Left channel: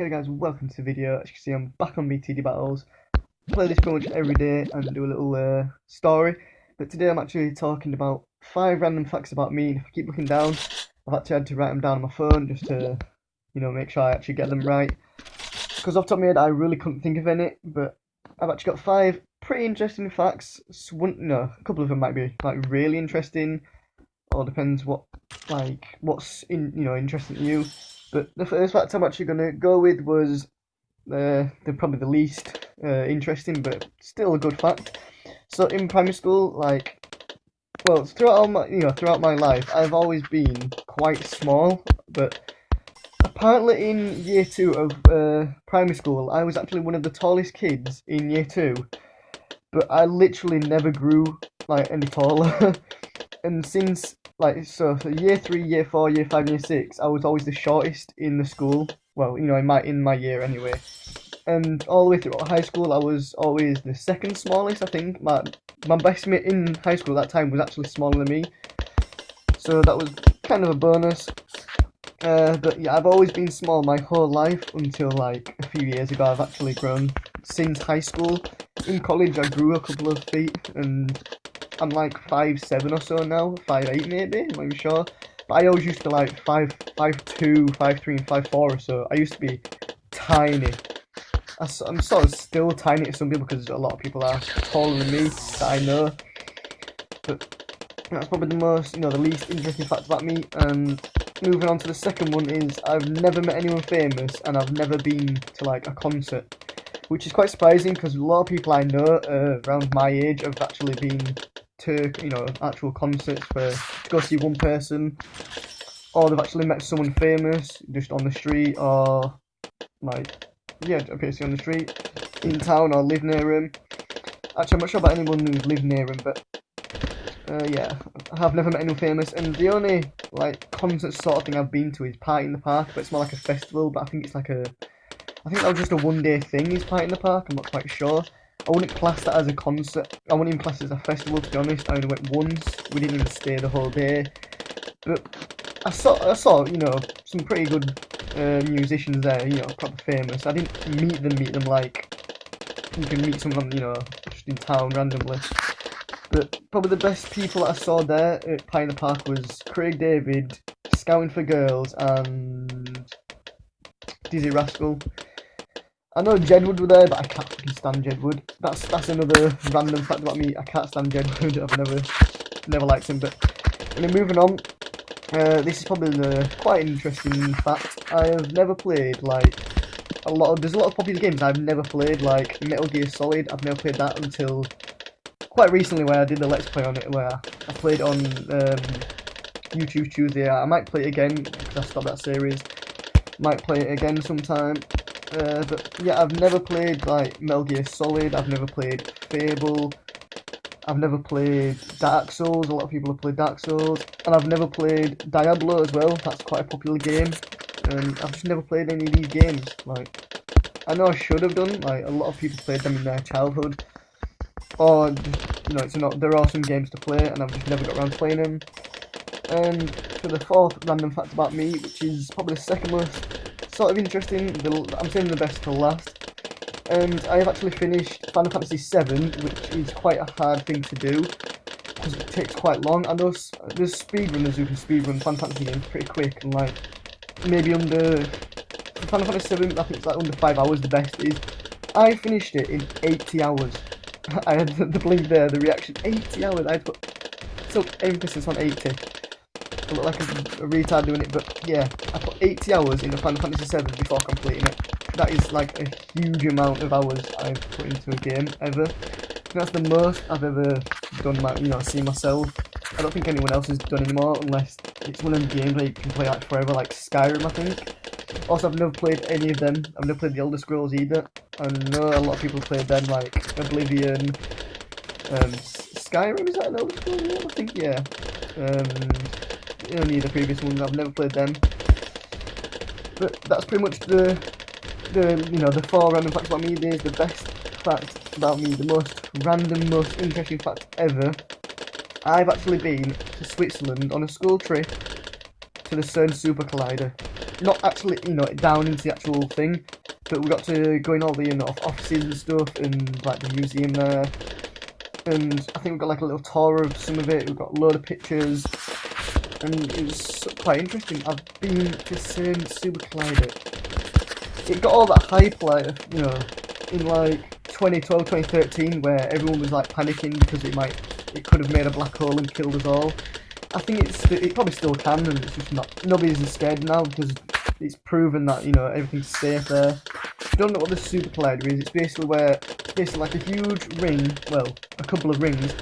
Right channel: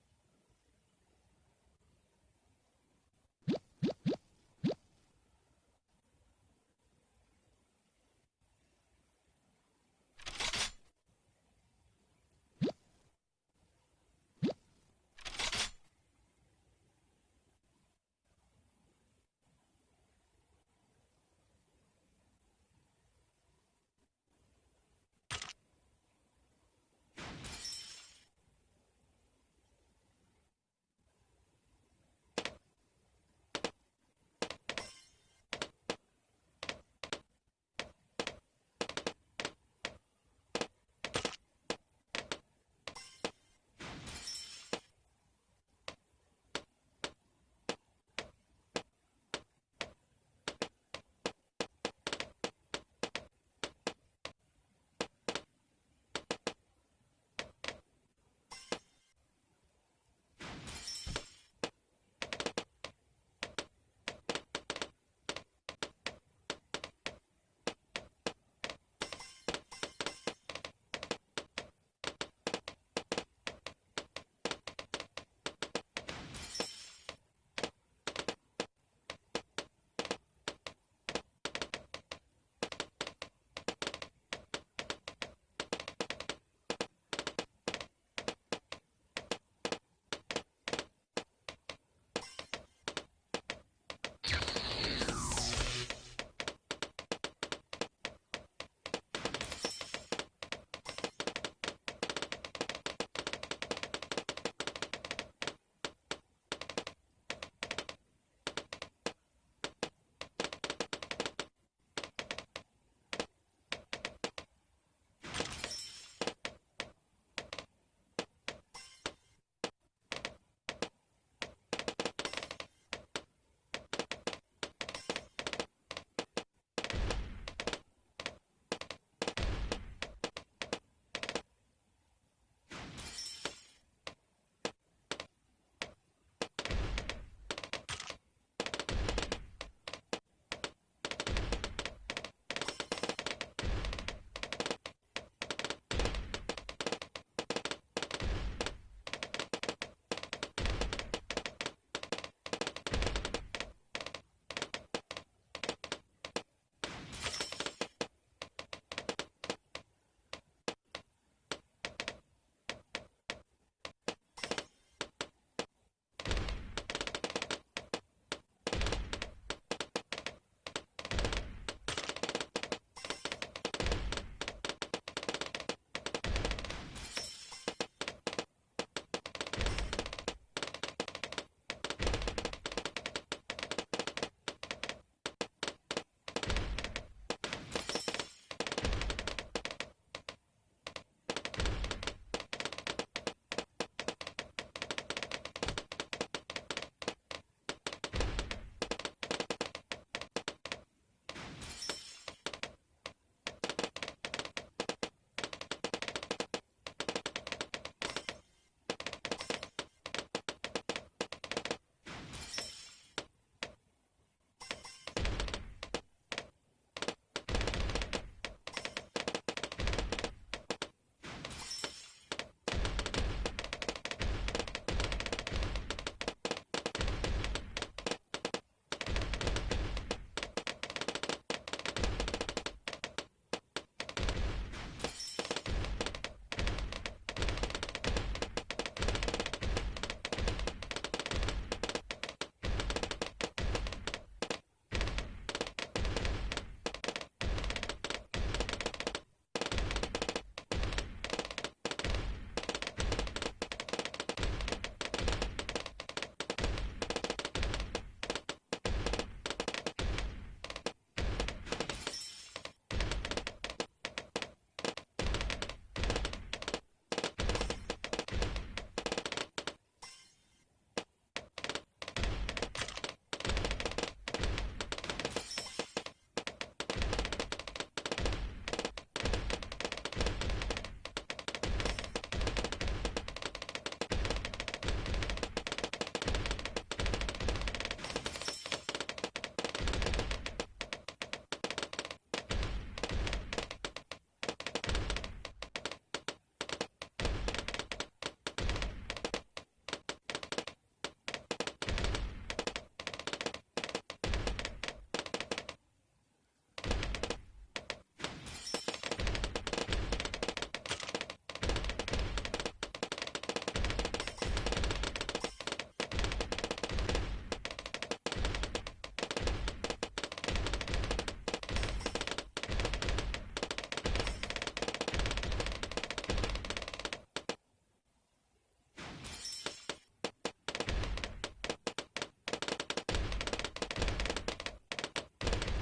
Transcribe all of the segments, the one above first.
Hey guys, welcome to the video. As you can see, I'm back on BTD battles. Play this pretty much every day and do a little story. But today I'm actually talking about 5 random facts about me. And if I keep looking down, I've actually had to write them down on my phone just to, make sure I actually get them right. Because off the top of my head, I really couldn't think of any. But I've actually got 5 pretty interesting facts. A couple of them might be like really interesting, or depends what's interesting to you. But the first fact I'm actually gonna go with was probably the least interesting, but still a good fact. So in primary school, throughout my life, I've always been quite small. But apparently, in year 2 of primary school, I was actually one of the tallest kids in year 2. But I literally never grew any taller. And since for year 3, year 4, year 5, year 6, I was always the shortest in the school. Well, in my year anyway. And all the way through high school, I was always the second smallest. I think my best mate in high school at that time was actually smaller than me, so that was kind of a bonus. But yeah, I've always been small my whole life until like a few years ago. I've actually grown since high school. In college, I grew a couple of feet, and I'm like 5'7" or so now, 5'8" maybe, I'm not even sure. But I always used to like 5'2", 5'3", and 5'4" or so. I used to be tiny. I'm sort of still tiny to some people because a lot of people are taller than me that I know. But that's probably the least interesting fact about me. And moving on to the second one is I've never met anyone famous, and I've never been to like a concert, which is quite surprising because a lot of people I know around my age have actually been to actual concerts to go see one person, or they've actually met someone famous just on the street, or appears on the street in town or live near him. Actually, I'm not sure about anyone who's lived near him, but yeah, I have never met anyone famous. And the only concert sort of thing I've been to is Party in the Park, but it's more like a festival. But I think I think that was just a one-day thing. Is Party in the Park? I'm not quite sure. I wouldn't class that as a concert. I wouldn't even class it as a festival, to be honest. I only went once. We didn't even stay the whole day. But I saw some pretty good musicians there, proper famous. I didn't meet them like you can meet someone, just in town randomly. But probably the best people that I saw there at Pie in the Park was Craig David, Scouting for Girls, and Dizzy Rascal. I know Jedward were there, but I can't fucking stand Jedward. That's another random fact about me. I can't stand Jedward. I've never liked him. But moving on. This is probably quite an interesting fact. I have never played there's a lot of popular games I've never played, like Metal Gear Solid. I've never played that until quite recently, where I did the Let's Play on it, where I played on YouTube Tuesday. I might play it again because I stopped that series. Might play it again sometime. But yeah, I've never played Metal Gear Solid. I've never played Fable. I've never played Dark Souls. A lot of people have played Dark Souls, and I've never played Diablo as well. That's quite a popular game, and I've just never played any of these games. I know I should have done. A lot of people played them in their childhood, or there are some games to play, and I've just never got around to playing them. And for the fourth random fact about me, which is probably the second most sort of interesting, I'm saving the best for last. And I have actually finished Final Fantasy VII, which is quite a hard thing to do because it takes quite long. I know there's speedrunners who can speedrun Final Fantasy games pretty quick, and maybe under Final Fantasy VII, I think it's under 5 hours. The best is I finished it in 80 hours. I had the blink there, the reaction. 80 hours. I took emphasis on 80. I look like a retard doing it, but yeah, I put 80 hours into Final Fantasy VII before completing it. That is a huge amount of hours I've put into a game ever. That's the most I've ever done seen myself. I don't think anyone else has done anymore, unless it's one of the games where you can play forever, like Skyrim, I think. Also, I've never played any of them. I've never played the Elder Scrolls either. I know a lot of people played them, like Oblivion, Skyrim, is that an Elder Scrolls game? I think, yeah. Any of the previous ones, I've never played them. But that's pretty much the 4 random facts about me. There's the best fact about me, the most random, most interesting fact ever. I've actually been to Switzerland on a school trip to the CERN Super Collider. Not actually, you know, down into the actual thing, but we got to go in all the, you know, offices and stuff, and like the museum there. And I think we got like a little tour of some of it. We got a load of pictures, and it was quite interesting. I've been to CERN Super Collider. It got all that hype, like, you know, in like 2012, 2013, where everyone was like panicking because it could have made a black hole and killed us all. I think it probably still can, and it's just not, nobody's as scared now because it's proven that, you know, everything's safe there. If you don't know what the Super Collider is, it's basically like a huge ring, well, a couple of rings,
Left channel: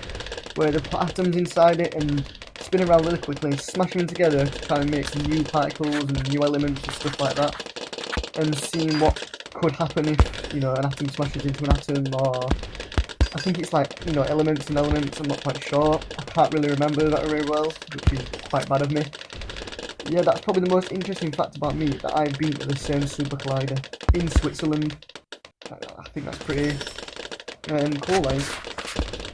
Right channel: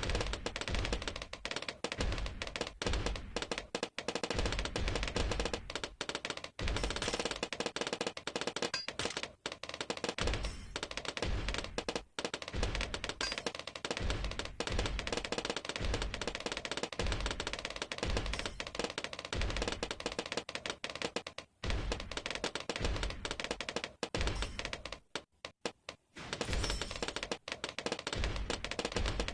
where they put atoms inside it and spin around really quickly, smash them together to try and make some new particles and new elements and stuff like that, and seeing what could happen if, you know, an atom smashes into an atom, or I think it's like, you know, elements and elements, I'm not quite sure. I can't really remember that very well, which is quite bad of me. Yeah, that's probably the most interesting fact about me, that I've been to the CERN Super Collider in Switzerland. I think that's pretty cool, like.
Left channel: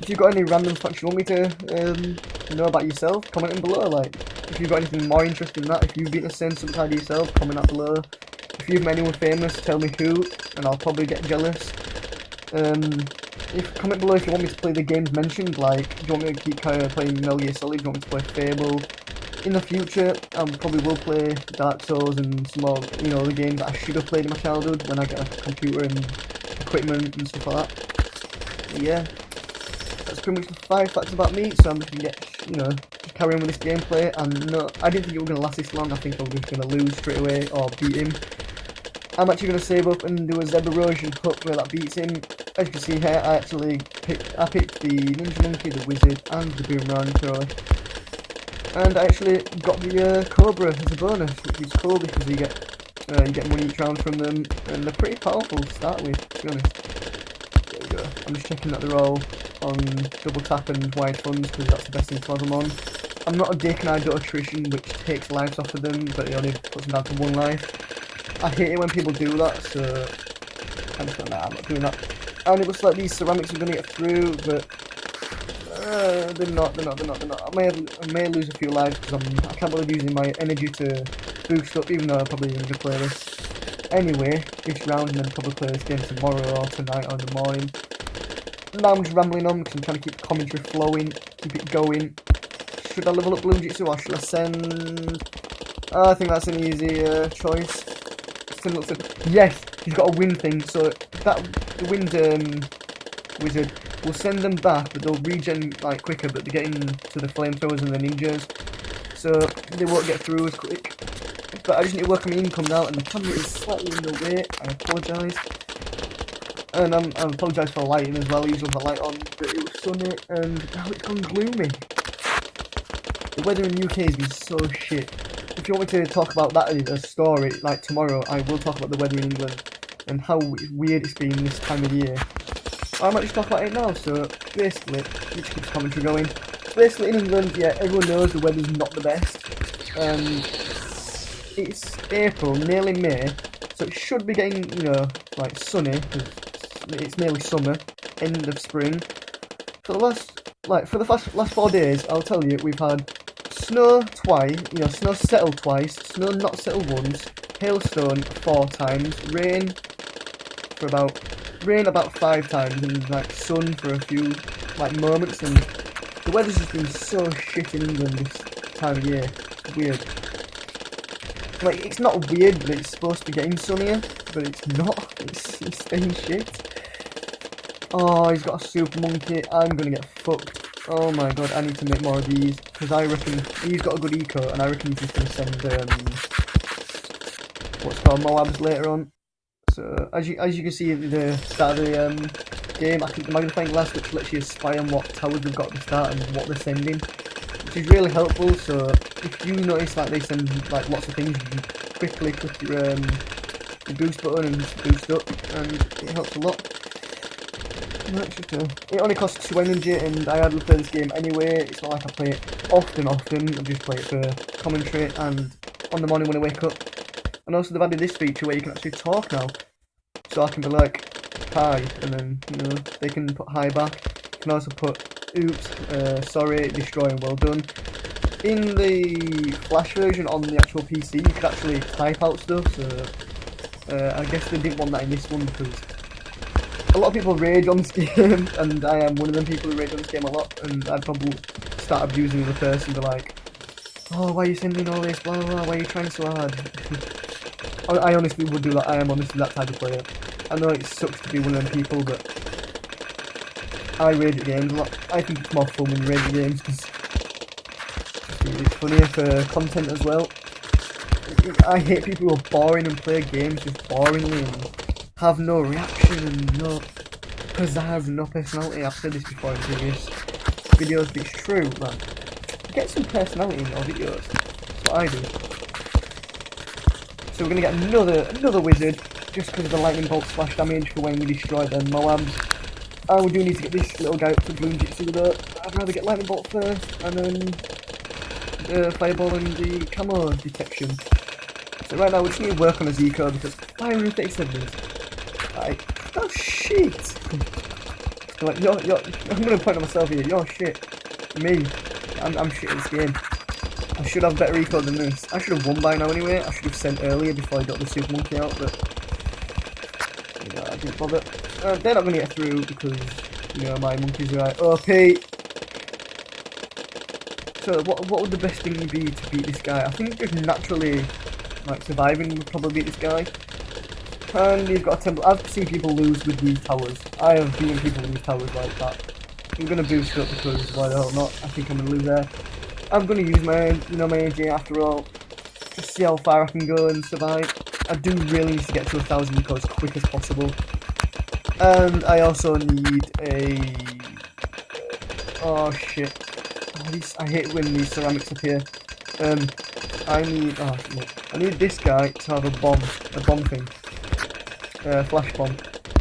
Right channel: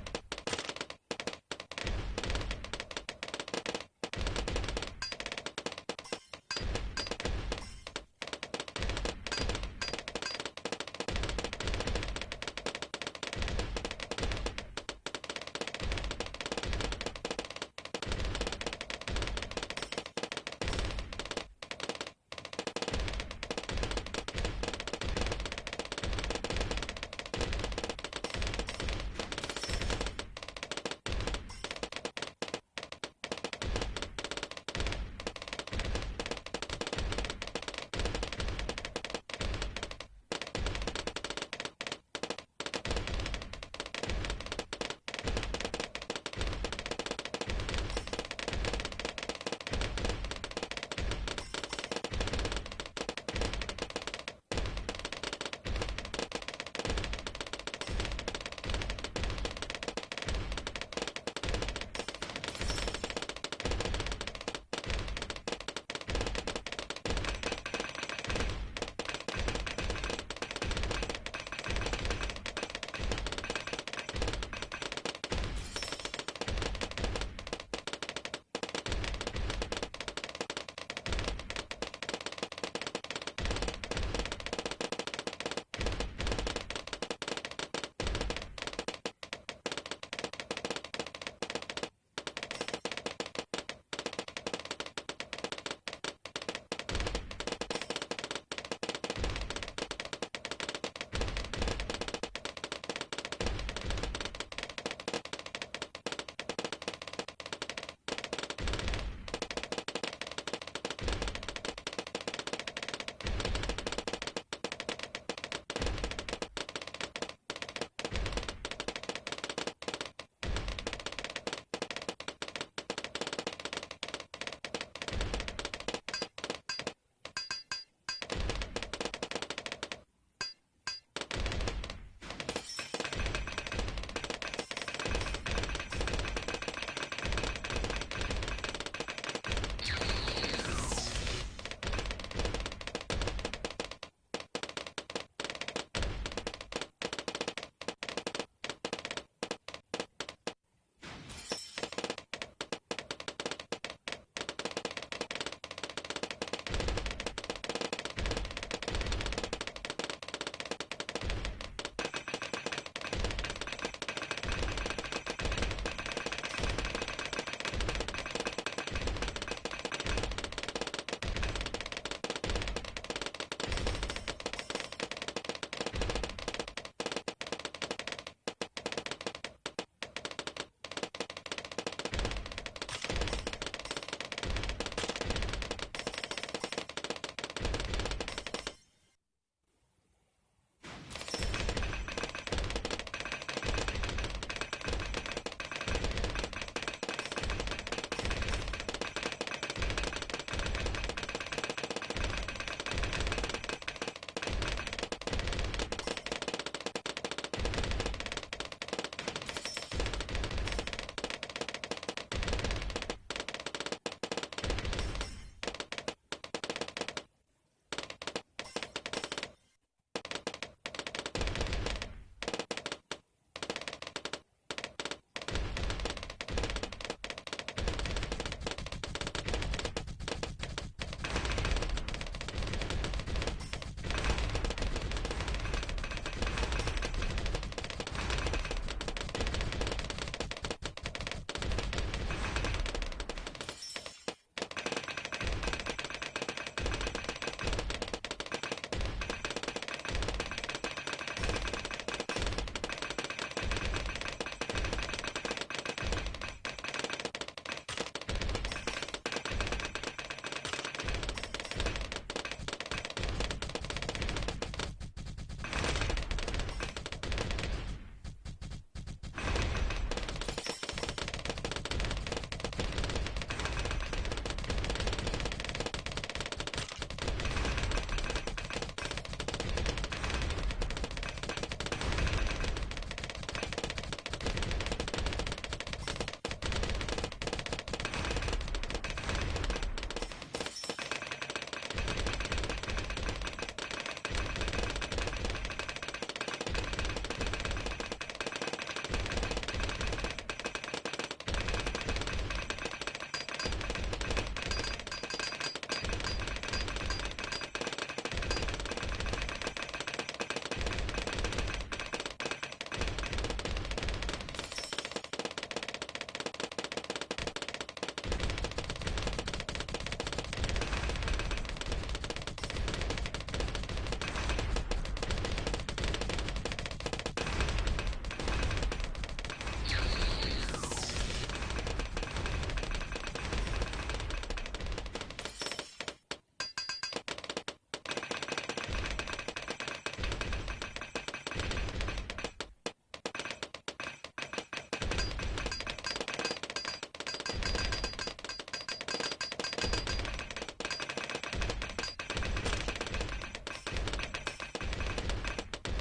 If you've got any random facts you want me to know about yourself, comment them below, like. If you've got anything more interesting than that, if you've been to CERN Super Collider yourself, comment that below. If you've met anyone famous, tell me who, and I'll probably get jealous. Comment below if you want me to play the games mentioned, like, do you want me to keep playing Metal Gear Solid, do you want me to play Fable? In the future, I probably will play Dark Souls and some more, you know, the games that I should have played in my childhood when I get a computer and equipment and stuff like that. Yeah, that's pretty much the 5 facts about me, so I'm just gonna get, you know, carry on with this gameplay. And no, I didn't think it was gonna last this long. I think I was just gonna lose straight away or beat him. I'm actually gonna save up and do a Zeb Erosion hook where that beats him. As you can see here, I picked the Ninja Monkey, the Wizard, and the Boomerang Thrower. And I actually got the Cobra as a bonus, which is cool because you get money each round from them, and they're pretty powerful to start with, to be honest. There we go. I'm just checking that they're all on double tap and wide funds because that's the best thing to have them on. I'm not a dick and I do attrition, which takes lives off of them, but it only puts them down to 1 life. I hate it when people do that, so I'm just like, nah, I'm not doing that. And it looks like these ceramics are going to get through, but they're not. I may lose a few lives because I can't bother using my energy to boost up, even though I'm probably going to play this anyway, this round, and then probably play this game tomorrow or tonight or in the morning. Now I'm just rambling on because I'm trying to keep the commentary flowing, keep it going. Should I level up Blue Jitsu or should I send? I think that's an easy choice. Yes, he's got a wind thing, so the wind wizard will send them back, but they'll regen like quicker, but they're getting to the flamethrowers and the ninjas, so they won't get through as quick. But I just need to work on my income now, and the camera is slightly in the way. I apologise. And I apologise for the lighting as well. Usually have the light on, but it was sunny, and now it's gone gloomy. The weather in the UK has been so shit. If you want me to talk about that as a story, like tomorrow, I will talk about the weather in England and how weird it's been this time of year. I might just talk about it now, so basically, let's keep the commentary going. Basically in England, yeah, everyone knows the weather's not the best. It's April, nearly May, so it should be getting, you know, like sunny, because it's nearly summer, end of spring. For the last 4 days, I'll tell you, we've had snow twice, you know, snow settled twice, snow not settled once, hailstone 4 times, rain about 5 times, and like sun for a few like moments, and the weather's just been so shit in England this time of year. It's weird. Like, it's not weird that it's supposed to be getting sunnier, but it's not. It's staying shit. Oh, he's got a super monkey. I'm gonna get fucked. Oh my god, I need to make more of these, because I reckon he's got a good eco, and I reckon he's just gonna send what's called Moabs later on. So as you can see at the start of the game, I think the magnifying glass which lets you spy on what towers they've got at the start and what they're sending, which is really helpful. So if you notice that they send like lots of things, you can quickly click your boost button and just boost up, and it helps a lot. It only costs 2 energy, and I hardly play this game anyway. It's not like I play it often. I just play it for commentary and on the morning when I wake up. And also they've added this feature where you can actually talk now. So I can be like, hi, and then, you know, they can put hi back. You can also put, oops, sorry, destroy, and well done. in the Flash version on the actual PC, you could actually type out stuff. So I guess they didn't want that in this one because a lot of people rage on this game, and I am one of them people who rage on this game a lot. And I'd probably start abusing the person, be like, "Oh, why are you sending all this? Blah blah blah. Why are you trying so hard?" I honestly would do that. I am honestly that type of player. I know it sucks to be one of them people, but I rage at games a lot. I think it's more fun when you rage at games because it's funnier for content as well. I hate people who are boring and play games just boringly and have no reaction and no pizzazz and no personality. I've said this before in previous videos, but it's true. Like, get some personality in your videos. That's what I do. So we're gonna get another wizard just because of the lightning bolt splash damage for when we destroy the Moabs. And we do need to get this little guy up to Green Jitsu though. I'd rather get lightning bolt first and then the fireball and the camo detection. So right now we just need to work on his eco because fire reflex said this. Like, oh shit! Like, I'm gonna point at myself here, you're shit. Me. I'm shit at this game. I should have better eco than this. I should have won by now anyway. I should have sent earlier before I got the super monkey out, but yeah, I didn't bother. They're not gonna get through because, you know, my monkeys are like, okay. So what would the best thing be to beat this guy? I think just naturally, like, surviving would probably beat this guy. And he's got a temple. I've seen people lose with these towers. I have seen people lose towers like that. I'm gonna boost up because why the hell not? I think I'm gonna lose there. I'm gonna use my, you know, my AJ after all. Just see how far I can go and survive. I do really need to get to 1,000 eco as quick as possible. And I also need a. Oh shit! I hate when these ceramics appear. I need. Oh shit! I need this guy to have a bomb thing. Flash bomb.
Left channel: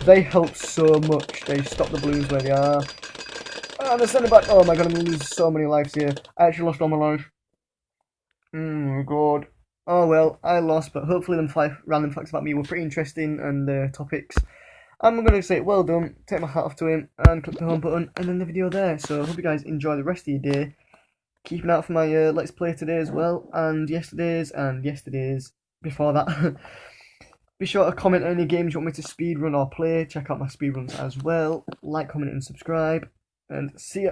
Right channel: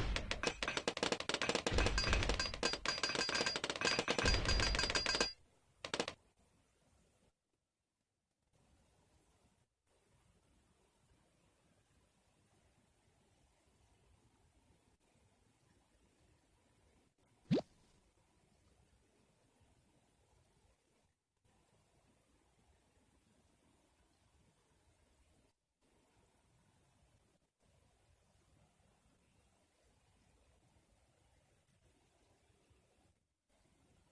They help so much. They stop the balloons where they are. Oh, they're sending back. Oh my god, I'm gonna lose so many lives here. I actually lost all my life. Oh god. Oh well, I lost, but hopefully them 5 random facts about me were pretty interesting and topics. I'm going to say well done, take my hat off to him, and click the home button, and end the video there. So I hope you guys enjoy the rest of your day. Keep an eye out for my Let's Play today as well, and yesterday's before that. Be sure to comment any games you want me to speedrun or play. Check out my speedruns as well. Like, comment, and subscribe. And see ya.